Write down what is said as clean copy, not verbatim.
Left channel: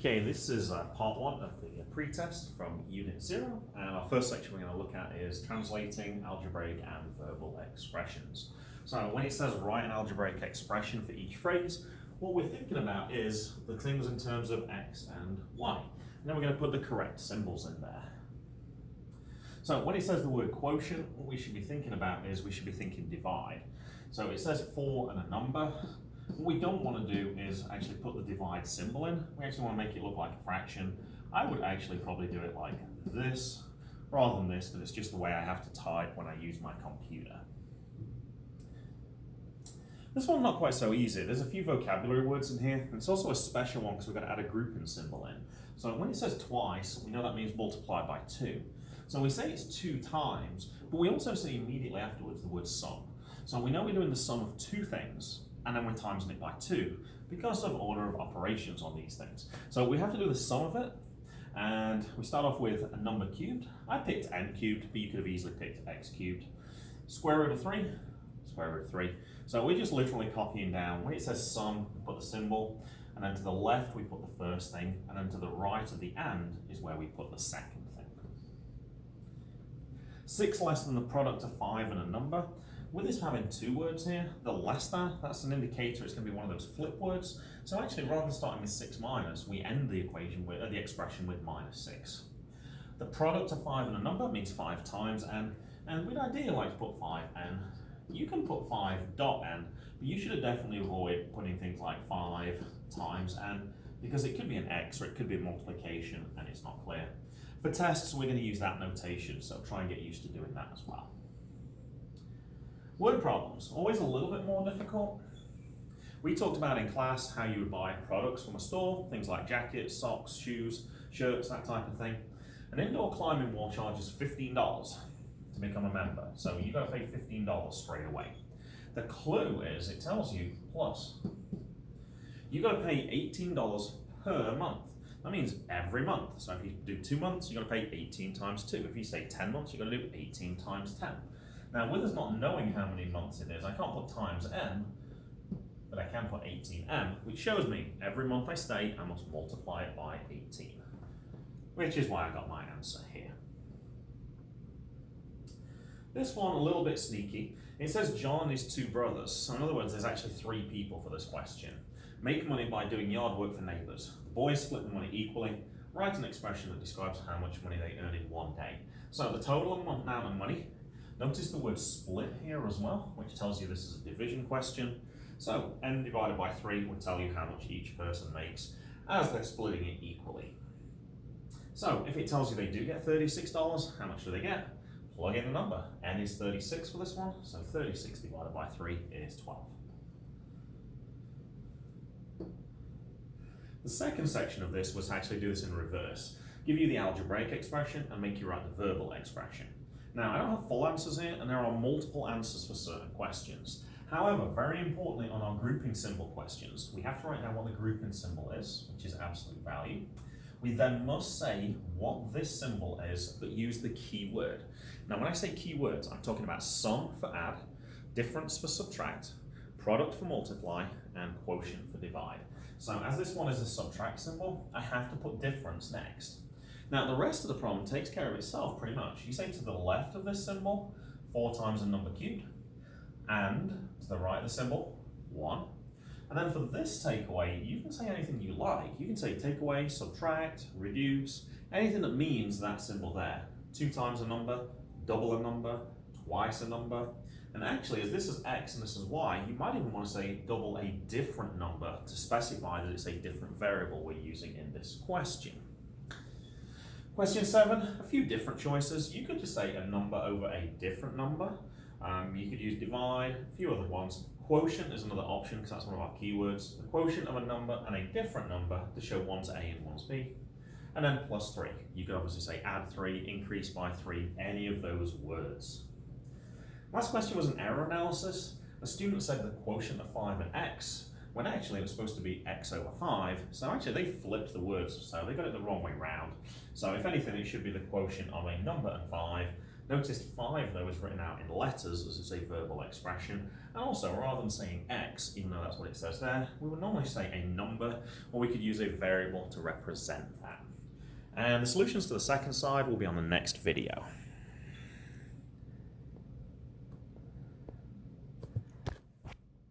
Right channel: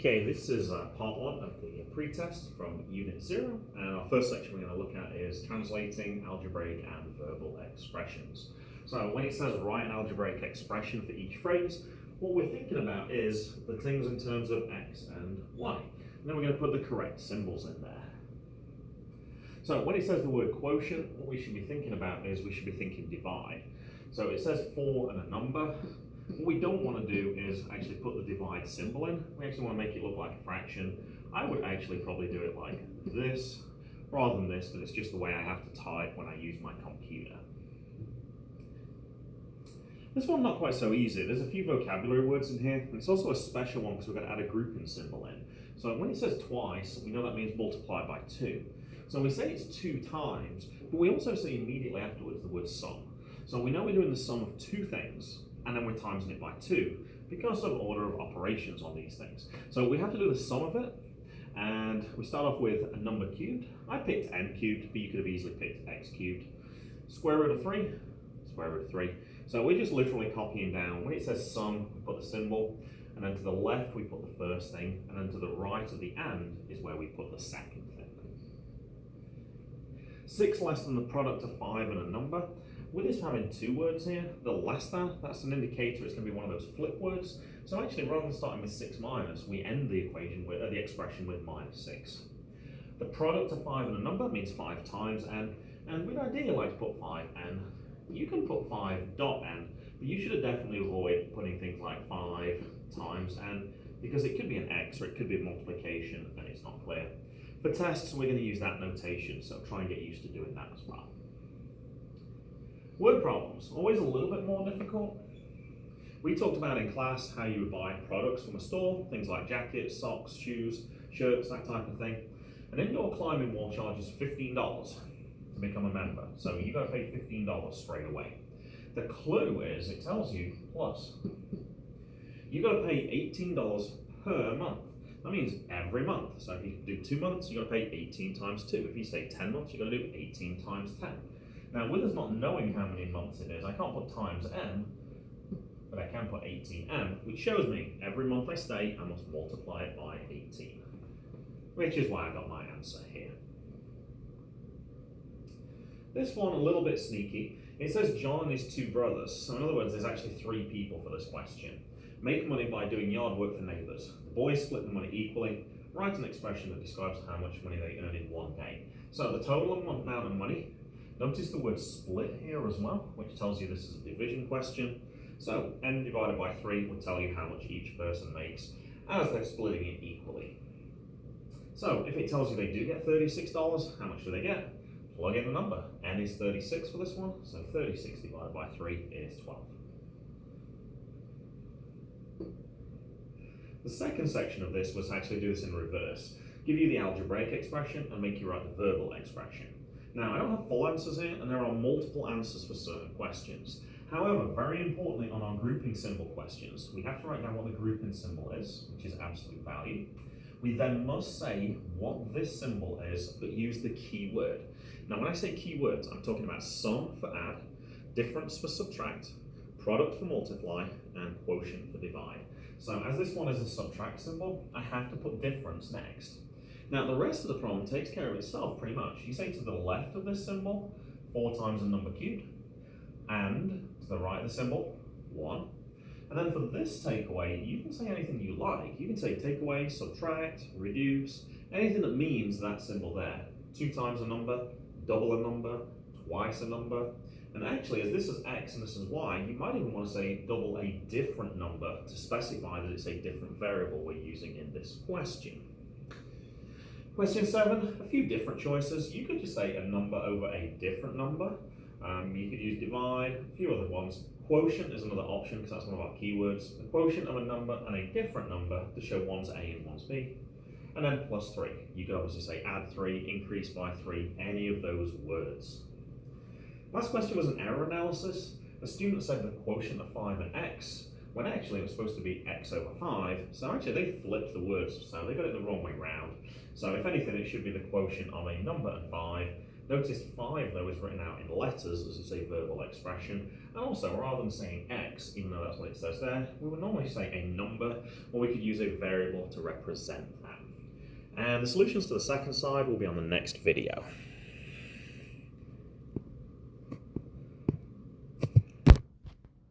Okay, this is part one of the pretest from Unit 0, and our first section we're going to look at is translating algebraic and verbal expressions. So when it says write an algebraic expression for each phrase, what we're thinking about is the things in terms of x and y. And then we're going to put the correct symbols in there. So when it says the word quotient, what we should be thinking about is we should be thinking divide. So it says 4 and a number. What we don't want to do is actually put the divide symbol in. We actually want to make it look like a fraction. I would actually probably do it like this rather than this, but it's just the way I have to type when I use my computer. This one's not quite so easy. There's a few vocabulary words in here, and it's also a special one because we're going to add a grouping symbol in. So when it says twice, we know that means multiply by 2. So we say it's 2 times, but we also say immediately afterwards the word sum. So we know we're doing the sum of 2 things, and then we're timesing it by 2 because of order of operations on these things. So we have to do the sum of it, and we start off with a number cubed. I picked n cubed, but you could have easily picked x cubed. Square root of 3, square root of 3. So we're just literally copying down. When it says sum, we put the symbol, and then to the left we put the first thing, and then to the right of the and is where we put the second thing. 6 less than the product of 5 and a number. With this having 2 words here, the less than, that's an indicator it's going to be one of those flip words. So actually, rather than starting with 6 minus, we end the equation with the expression with minus 6. The product of 5 and a number means 5 times n, and we'd ideally like to put 5n. You can put 5 dot n, but you should definitely avoid putting things like 5 times n, because it could be an x or it could be a multiplication, and it's not clear. For tests, we're going to use that notation, so try and get used to doing that as well. Word problems, always a little bit more difficult. We talked about in class how you would buy products from a store, things like jackets, socks, shoes, shirts, that type of thing. An indoor climbing wall charges $15 to become a member, so you got to pay $15 straight away. The clue is it tells you plus. You got to pay $18 per month. That means every month. So if you do 2 months, you got to pay 18 times 2. If you say 10 months, you got to do 18 times 10. Now, with us not knowing how many months it is, I can't put times n, but I can put 18n, which shows me every month I stay, I must multiply it by 18, which is why I got my answer here. This one, a little bit sneaky. It says John is 2 brothers. So in other words, there's actually 3 people for this question. Make money by doing yard work for neighbors. The boys split the money equally. Write an expression that describes how much money they earn in one day. So the total amount of money. Notice the word split here as well, which tells you this is a division question. So n divided by 3 will tell you how much each person makes as they're splitting it equally. So if it tells you they do get $36, how much do they get? Plug in the number. N is 36 for this one, so 36 divided by 3 is 12. The second section of this was actually do this in reverse. Give you the algebraic expression and make you write the verbal expression. Now, I don't have full answers here, and there are multiple answers for certain questions. However, very importantly on our grouping symbol questions, we have to write down what the grouping symbol is, which is absolute value. We then must say what this symbol is, but use the key word. Now, when I say keywords, I'm talking about sum for add, difference for subtract, product for multiply, and quotient for divide. So as this one is a subtract symbol, I have to put difference next. Now, the rest of the problem takes care of itself pretty much. You say to the left of this symbol, 4 times a number cubed, and to the right of the symbol, 1. And then for this takeaway, you can say anything you like. You can say take away, subtract, reduce, anything that means that symbol there. 2 times a number, double a number, twice a number. And actually, as this is x and this is y, you might even want to say double a different number to specify that it's a different variable we're using in this question. Question 7, a few different choices. You could just say a number over a different number. You could use divide, a few other ones. Quotient is another option because that's one of our keywords. The quotient of a number and a different number to show one's A and one's B. And then plus 3. You could obviously say add 3, increase by 3, any of those words. Last question was an error analysis. A student said the quotient of 5 and x, when actually it was supposed to be x over 5. So actually they flipped the words, so they got it the wrong way round. So if anything, it should be the quotient of a number and 5, Notice 5 though is written out in letters as it's a verbal expression, and also rather than saying x, even though that's what it says there, we would normally say a number, or we could use a variable to represent that. And the solutions to the second side will be on the next video.